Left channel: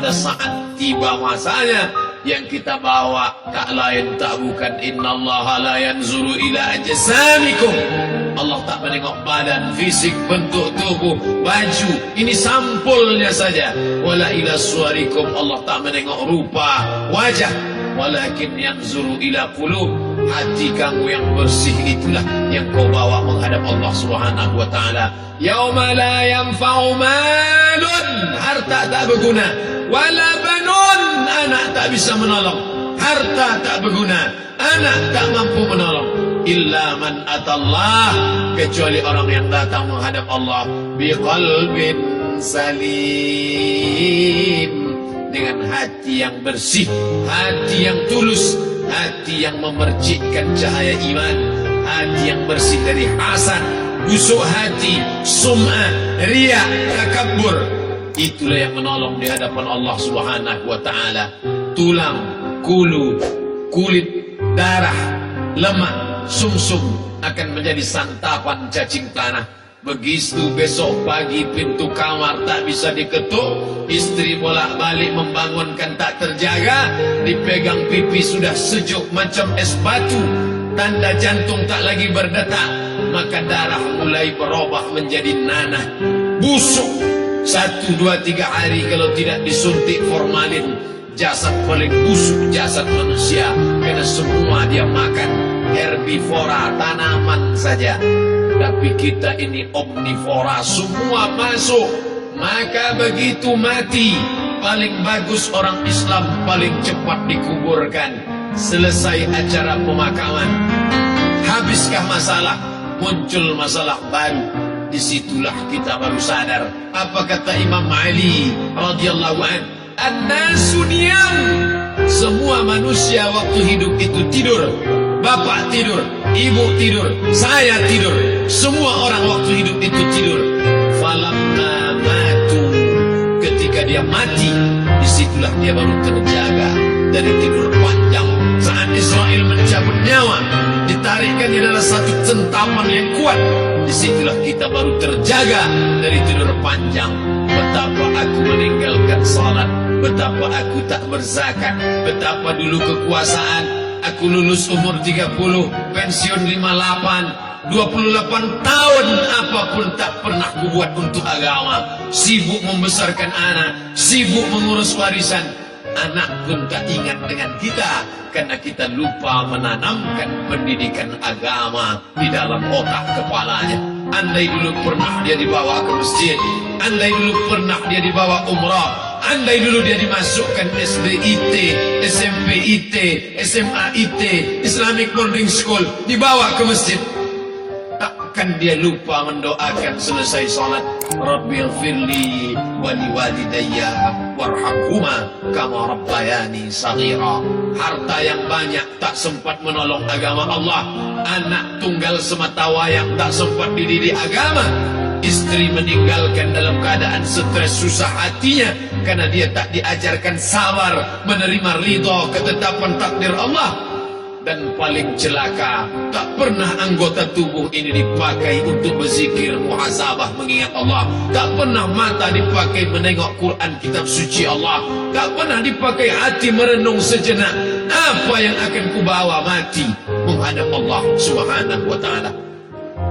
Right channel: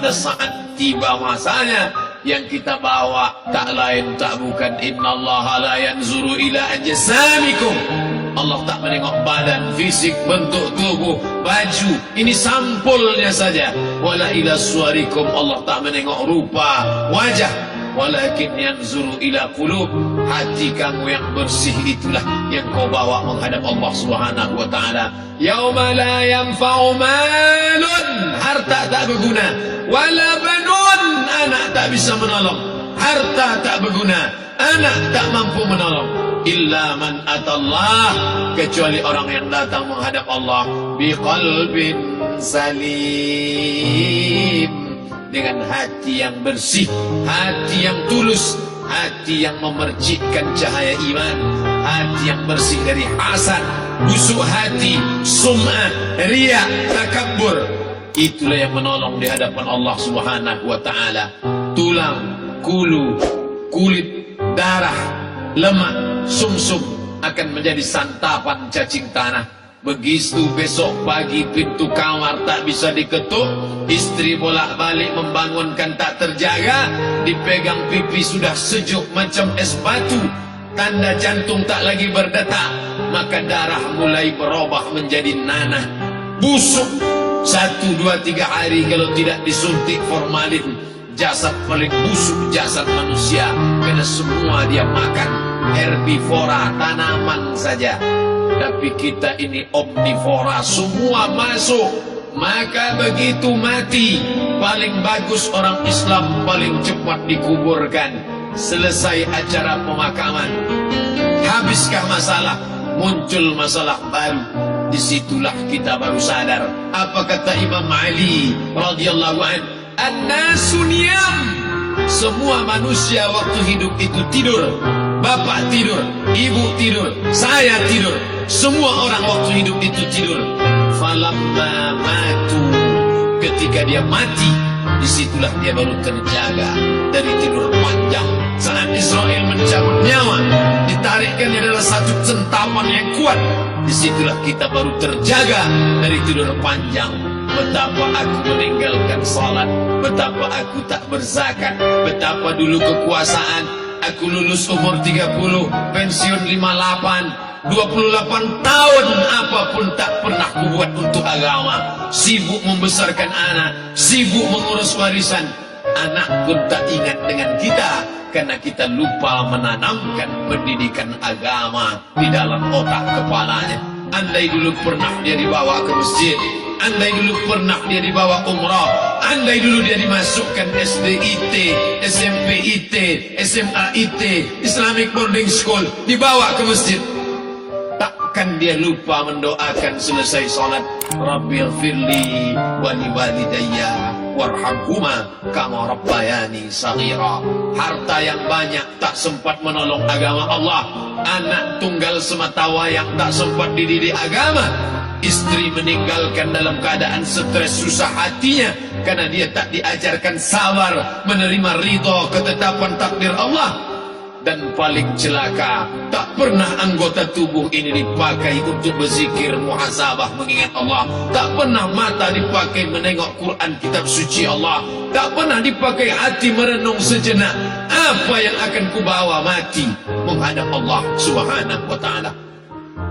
pada saat tiba masanya, yang kita bawa tak lain tak bukan innallaha la yanzuru ila ajsamikum. Allah tak menengok badan, fisik, bentuk tubuh, baju. Ini sampulnya saja. Wala ila suwarikum. Allah tak menengok rupa, wajah. Walakin yanzuru ila qulub. Hati kamu yang bersih itulah yang kau bawa menghadap Allah Subhanahu wa taala. Yauma la yanfa'u malun, harta tak berguna, wala banun, anak tak bisa menolong. Harta tak berguna, anak tak mampu menolong. Illa man atallah, kecuali orang yang datang menghadap Allah biqalbin salim, dengan hati yang bersih, hati yang tulus, hati yang memercikkan cahaya iman, hati yang bersih dari hasad, busuk hati, sum'ah, riya, takabbur. Itulah yang menolong di hadapan Allah Subhanahu wa taala. Tulang, kulu, kulit, darah, lemak, sumsum akan menjadi santapan cacing tanah. Begitu besok pagi pintu kamar tak bisa diketuk, istri bolak-balik membangunkan tak terjaga, dipegang pipi sudah sejuk macam es batu, tanda jantung tak lagi berdetak, maka darah mulai berubah menjadi nanah, busuk. 1, 2, 3 hari kalau tidak disuntik formalin, jasad paling busuk jasad manusia, karena semua dia makan herbivora, tanaman saja. Tapi kita ini omnivora, semua masuk. Maka begitu mati, paling bagus orang Islam paling cepat dikuburkan. Selesai acara pemakaman, habiskah masalah, muncul masalah baru. Disitulah kita baru sadar. Apa kata Imam Ali radhiyallahu an? An-nasu niyam. Semua manusia waktu hidup itu tidur. Bapak tidur, ibu tidur, saya tidur. Semua orang waktu hidup itu tidur. Falamma matu, ketika dia mati, disitulah dia baru terjaga dari tidur panjang. Saat Israel mencabut nyawa, ditarikkannya adalah satu centapan yang kuat. Disitulah kita baru terjaga dari tidur panjang. Betapa aku meninggalkan salat, betapa aku tak berzakat, betapa dulu kekuasaan. Aku lulus umur 30, pensiun 58, 28 tahun apapun tak pernah kubuat untuk agama. Sibuk membesarkan anak, sibuk mengurus warisan. Anak pun tak ingat dengan kita, karena kita lupa menanamkan pendidikan agama di dalam otak kepalanya. Andai dulu pernah dia dibawa ke masjid, andai dulu pernah dia dibawa umrah, andai dulu dia dimasukkan SD IT, SMP IT, SMA IT, Islamic Boarding School, dibawa ke masjid, takkan dia lupa mendoakan selesai salat, Rabbighfirli wali walidayya warhamhuma kama rabbayani saghira. Harta yang banyak tak sempat menolong agama Allah. Anak tunggal semata wayang tak sempat dididik agama. Istri meninggalkan dalam keadaan stres susah hatinya karena dia tak diajarkan sabar menerima ridha ketetapan takdir Allah. Dan paling celaka, tak pernah anggota tubuh ini dipakai untuk berzikir, muhasabah, mengingat Allah. Tak pernah mata dipakai menengok Quran, kitab suci Allah. Tak pernah dipakai hati merenung sejenak. Apa yang akan kubawa mati menghadap Allah Subhanahu wa ta'ala.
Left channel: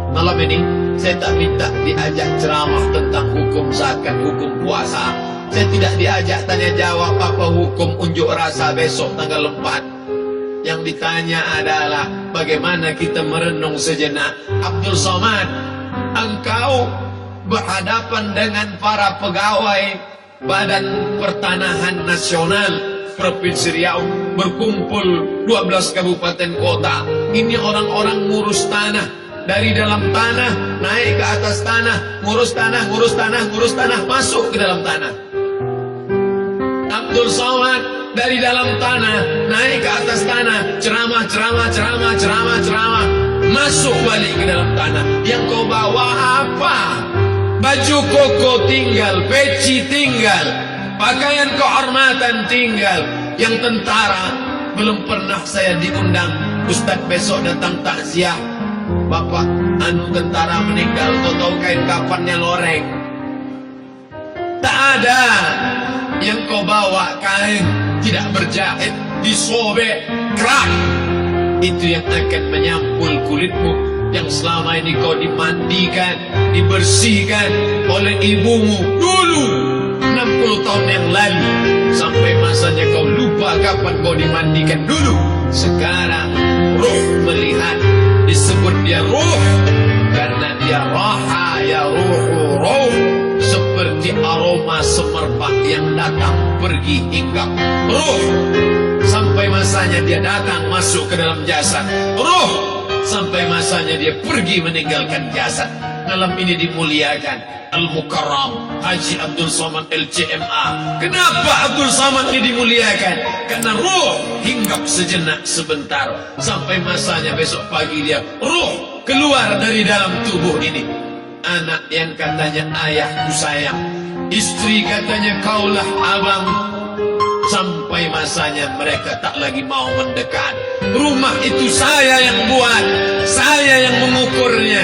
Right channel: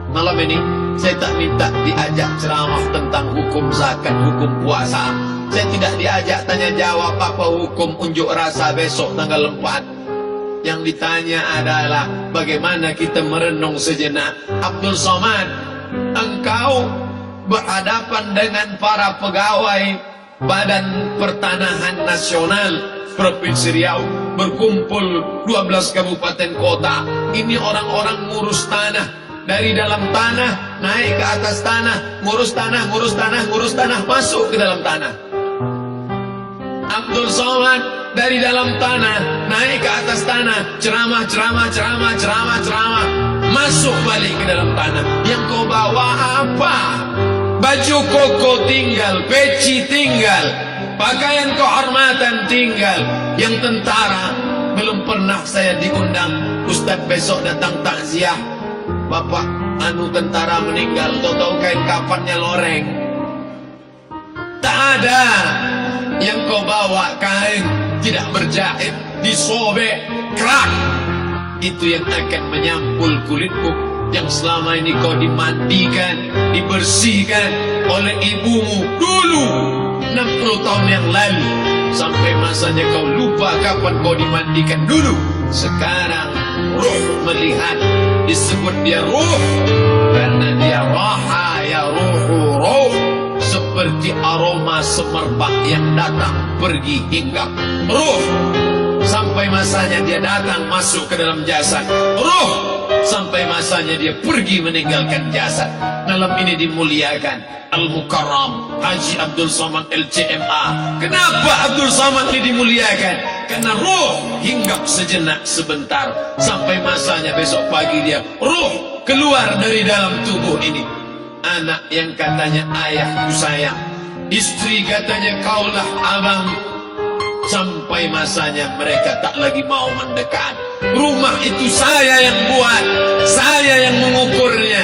Malam ini saya tak minta diajak ceramah tentang hukum zakat, hukum puasa. Saya tidak diajak tanya jawab apa hukum unjuk rasa besok tanggal 4. Yang ditanya adalah bagaimana kita merenung sejenak. Abdul Somad, engkau berhadapan dengan para pegawai Badan Pertanahan Nasional Provinsi Riau, berkumpul 12 kabupaten kota. Ini orang-orang ngurus tanah, dari dalam tanah naik ke atas tanah, ngurus tanah, ngurus tanah, ngurus tanah, masuk ke dalam tanah. Abdul Somad dari dalam tanah naik ke atas tanah, ceramah, masuk balik ke dalam tanah. Yang kau bawa apa? Baju koko tinggal, peci tinggal, pakaian kehormatan tinggal. Yang tentara belum pernah saya diundang. Ustadz besok datang takziah, bapak anu tentara meninggal, tahu kain kafannya loreng. Tak ada. Yang kau bawa kain tidak berjahit, disobek, kerak. Itu yang akan menyampul kulitmu yang selama ini kau dimandikan, dibersihkan oleh ibumu dulu 60 tahun yang lalu. Sampai masanya kau lupa kapan kau dimandikan dulu. Sekarang ruh melihat, disebut dia ruh karena dia raha ya ruhu ruh, seperti aroma semerbak yang datang pergi hinggap. Ruh sampai masanya dia datang masuk ke dalam jasad. Ruh sampai masanya dia pergi meninggalkan jasad. Malam ini dimuliakan Al-Mukarram Haji Abdul Somad LCMA. Kenapa Abdul Somad ini dimuliakan? Karena ruh hinggap sejenak sebentar, sampai masanya besok pagi dia ruh keluar dari dalam tubuh ini. Anak yang katanya ayahku sayang, istri katanya kaulah abang, sampai masanya mereka tak lagi mau mendekat. Rumah itu saya yang buat, saya yang mengukurnya.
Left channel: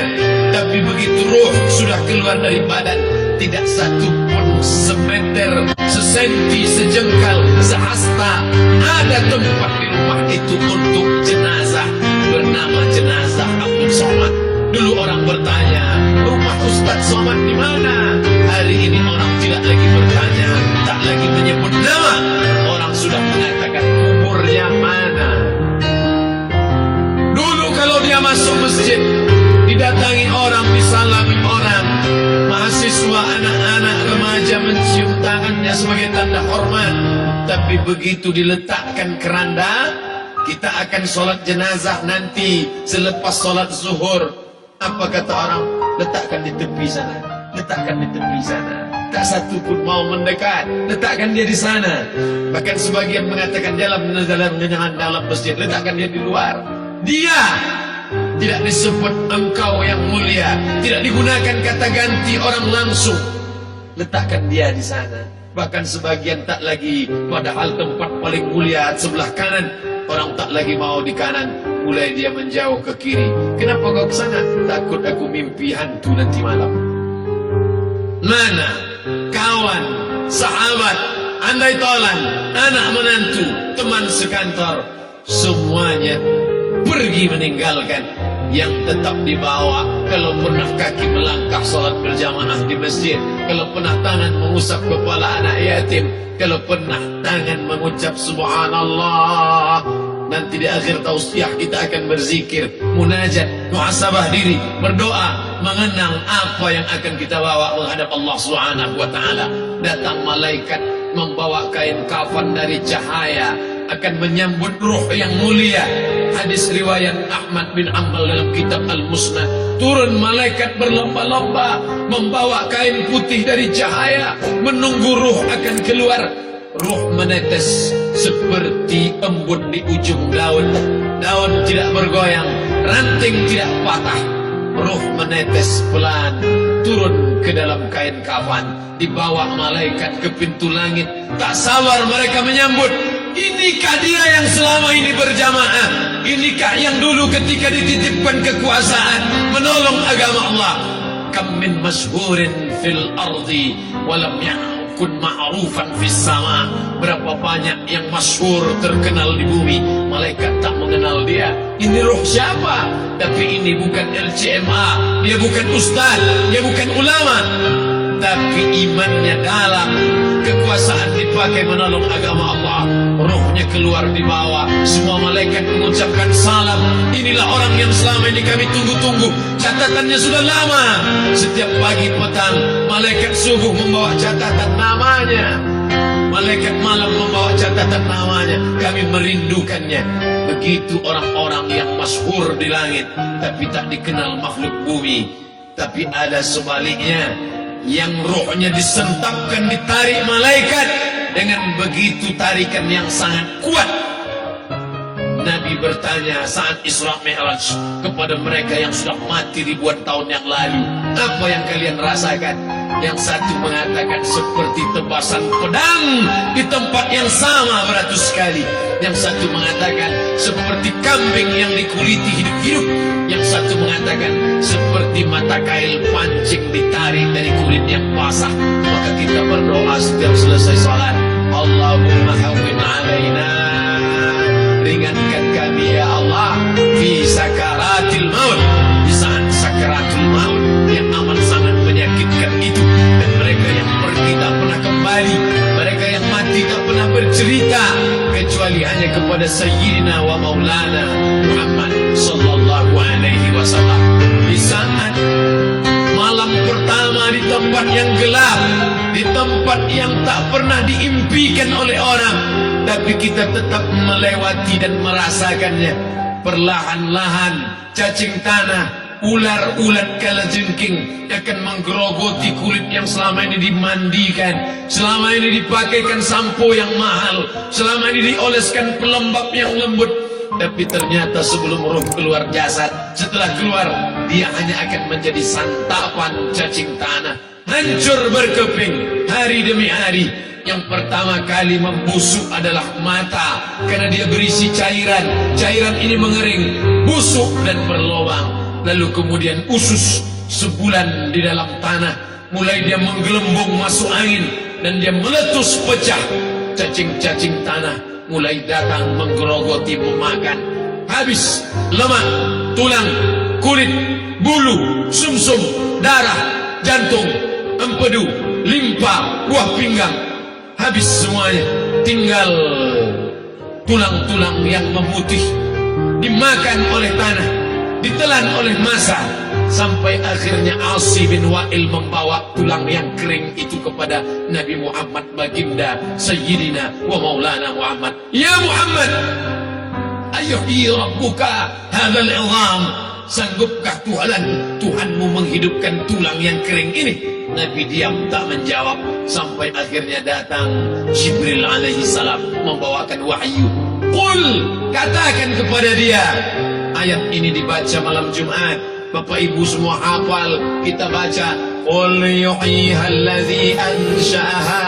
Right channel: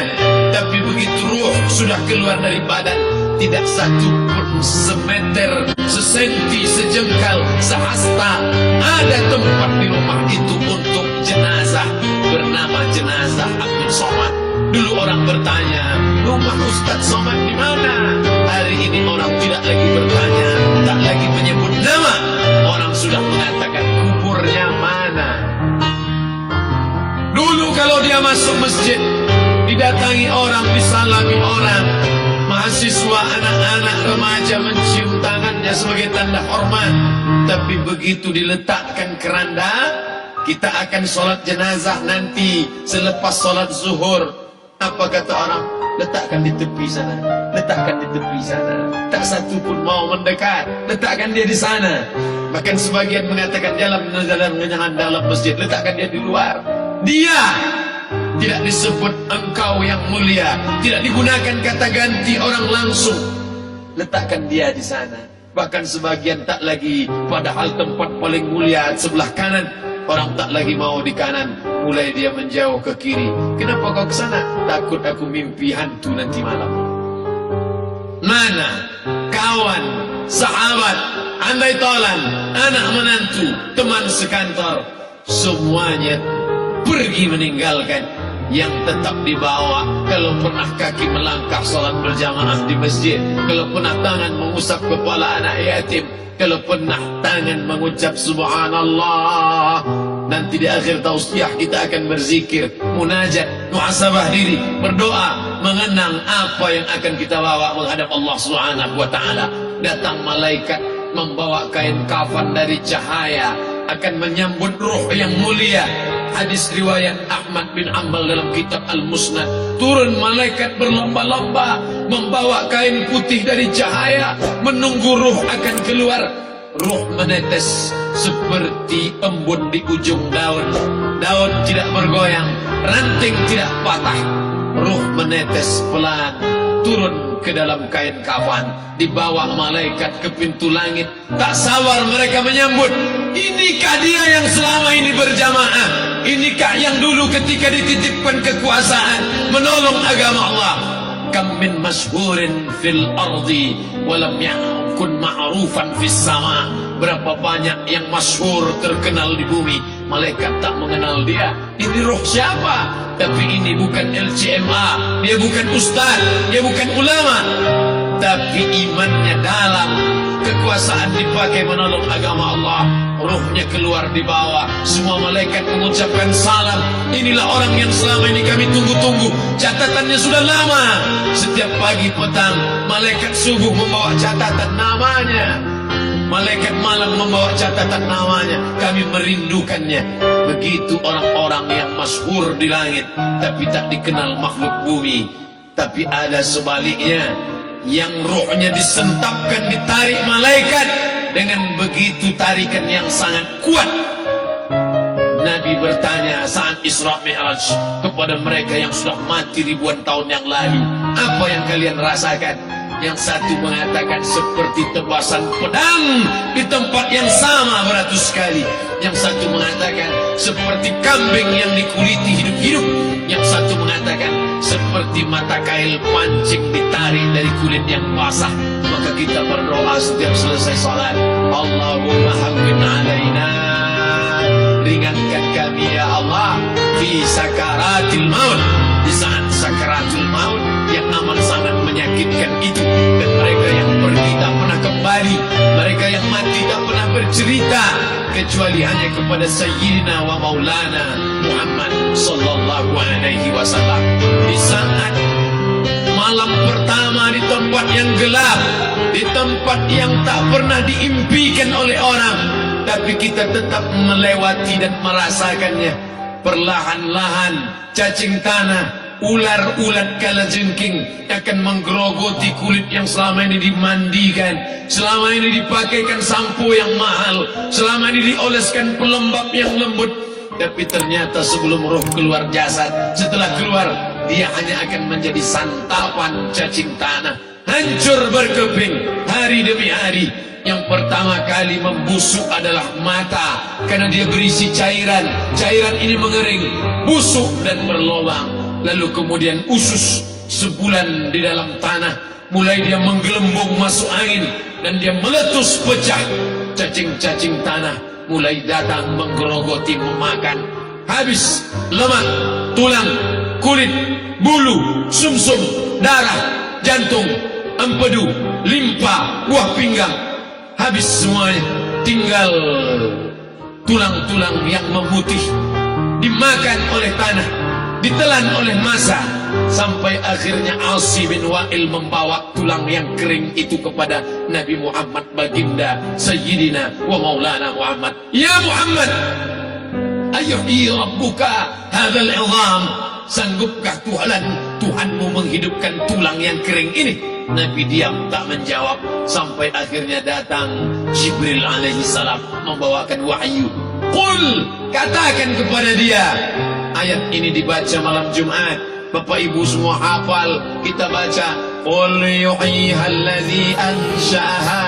Tapi begitu ruh sudah keluar dari badan, tidak satu pun semeter, sesenti, sejengkal, sehasta ada tempat di rumah itu untuk jenazah bernama jenazah Abdul Somad. Dulu orang bertanya, rumah Ustadz Somad di mana? Hari ini orang tidak lagi bertanya, tak lagi menyebut nama. Orang sudah mengatakan kuburnya mana. Dulu kalau dia masuk masjid, didatangi orang, disalami orang, mahasiswa, anak-anak, remaja mencium tangannya sebagai tanda hormat. Tapi begitu diletakkan keranda, kita akan sholat jenazah nanti selepas sholat zuhur. Apa kata orang? Letakkan di tepi sana, letakkan di tepi sana. Tak satu pun mau mendekat, letakkan dia di sana. Bahkan sebagian mengatakan jangan dalam masjid, letakkan dia di luar. Dia tidak disebut engkau yang mulia, tidak digunakan kata ganti orang langsung. Letakkan dia di sana. Bahkan sebagian tak lagi, padahal tempat paling mulia sebelah kanan, orang tak lagi mau di kanan, mulai dia menjauh ke kiri. Kenapa kau ke sana? Takut aku mimpi hantu nanti malam. Mana kawan, sahabat, andai tolan, anak menantu, teman sekantor, semuanya pergi meninggalkan. Yang tetap dibawa, kalau pernah kaki melangkah salat berjamaah di masjid, kalau pernah tangan mengusap kepala anak yatim, kalau pernah tangan mengucap subhanallah. Nanti di akhir tausiah kita akan berzikir, munajat, muhasabah diri, berdoa, mengenang apa yang akan kita bawa menghadap Allah Subhanahu wa taala. Datang malaikat membawa kain kafan dari cahaya, akan menyambut ruh yang mulia. Hadis riwayat Ahmad bin Ambal dalam kitab Al-Musnad. Turun malaikat berlomba-lomba membawa kain putih dari cahaya, menunggu ruh akan keluar. Ruh menetes seperti embun di ujung daun. Daun tidak bergoyang, ranting tidak patah. Ruh menetes pelan turun ke dalam kain kafan, dibawa malaikat ke pintu langit. Tak sabar mereka menyambut. Inikah dia yang selama ini berjamaah? Inikah yang dulu ketika dititipkan kekuasaan menolong agama Allah? Kam min masyhurin fil ardi walam yakun ma'rufan fis sama. Berapa banyak yang masyhur terkenal di bumi, malaikat tak mengenal dia. Ini ruh siapa? Tapi ini bukan LCMA, dia bukan ustaz, dia bukan ulama, tapi imannya dalam. Kekuasaan dipakai menolong agama Allah. Ruhnya keluar di bawah. Semua malaikat mengucapkan salam. Inilah orang yang selama ini kami tunggu-tunggu. Catatannya sudah lama. Setiap pagi petang malaikat subuh membawa catatan namanya, malaikat malam membawa catatan namanya. Kami merindukannya. Begitu orang-orang yang masyhur di langit tapi tak dikenal makhluk bumi. Tapi ada sebaliknya, yang rohnya disentapkan, ditarik malaikat dengan begitu tarikan yang sangat kuat. Nabi bertanya saat Isra Mi'raj kepada mereka yang sudah mati ribuan tahun yang lalu, apa yang kalian rasakan? Yang satu mengatakan seperti tebasan pedang di tempat yang sama beratus kali. Yang satu mengatakan seperti kambing yang dikuliti hidup-hidup. Yang satu mengatakan seperti mata kail pancing ditarik dari kulit yang basah. Maka kita berdoa setiap selesai salat, Allah hati tak pernah bercerita kecuali hanya kepada Sayyidina wa Maulana Muhammad sallallahu alaihi wasallam. Di saat malam pertama di tempat yang gelap, di tempat yang tak pernah diimpikan oleh orang, tapi kita tetap melewati dan merasakannya. Perlahan-lahan cacing tanah, ular-ulat kalajengking akan menggerogoti kulit yang selama ini dimandikan, selama ini dipakaikan sampo yang mahal, selama ini dioleskan pelembab yang lembut. Tapi ternyata sebelum roh keluar jasad, setelah keluar dia hanya akan menjadi santapan cacing tanah. Hancur berkeping hari demi hari. Yang pertama kali membusuk adalah mata, karena dia berisi cairan. Cairan ini mengering, busuk dan berlubang. Lalu kemudian usus sebulan di dalam tanah, mulai dia menggelembung masuk angin dan dia meletus pecah. Cacing-cacing tanah mulai datang menggerogoti, memakan. Habis lemak, tulang, kulit, bulu, sumsum, darah, jantung, empedu, limpa, buah pinggang. Habis semuanya, tinggal tulang-tulang yang memutih, dimakan oleh tanah, ditelan oleh massa, sampai akhirnya Asi bin Wa'il membawa tulang yang kering itu kepada Nabi Muhammad, baginda Sayyidina wa Maulana Muhammad. Ya Muhammad, ayuhyi rabbuka hadzal idham, sanggupkah Tuhanmu menghidupkan tulang yang kering ini? Nabi diam tak menjawab, sampai akhirnya datang Jibril alaihi salam membawakan wahyu. Qul, katakan kepada dia. Ayat ini dibaca malam Jumat, Bapak Ibu semua hafal. Kita baca, Qul yuhyiha allazi ansha'aha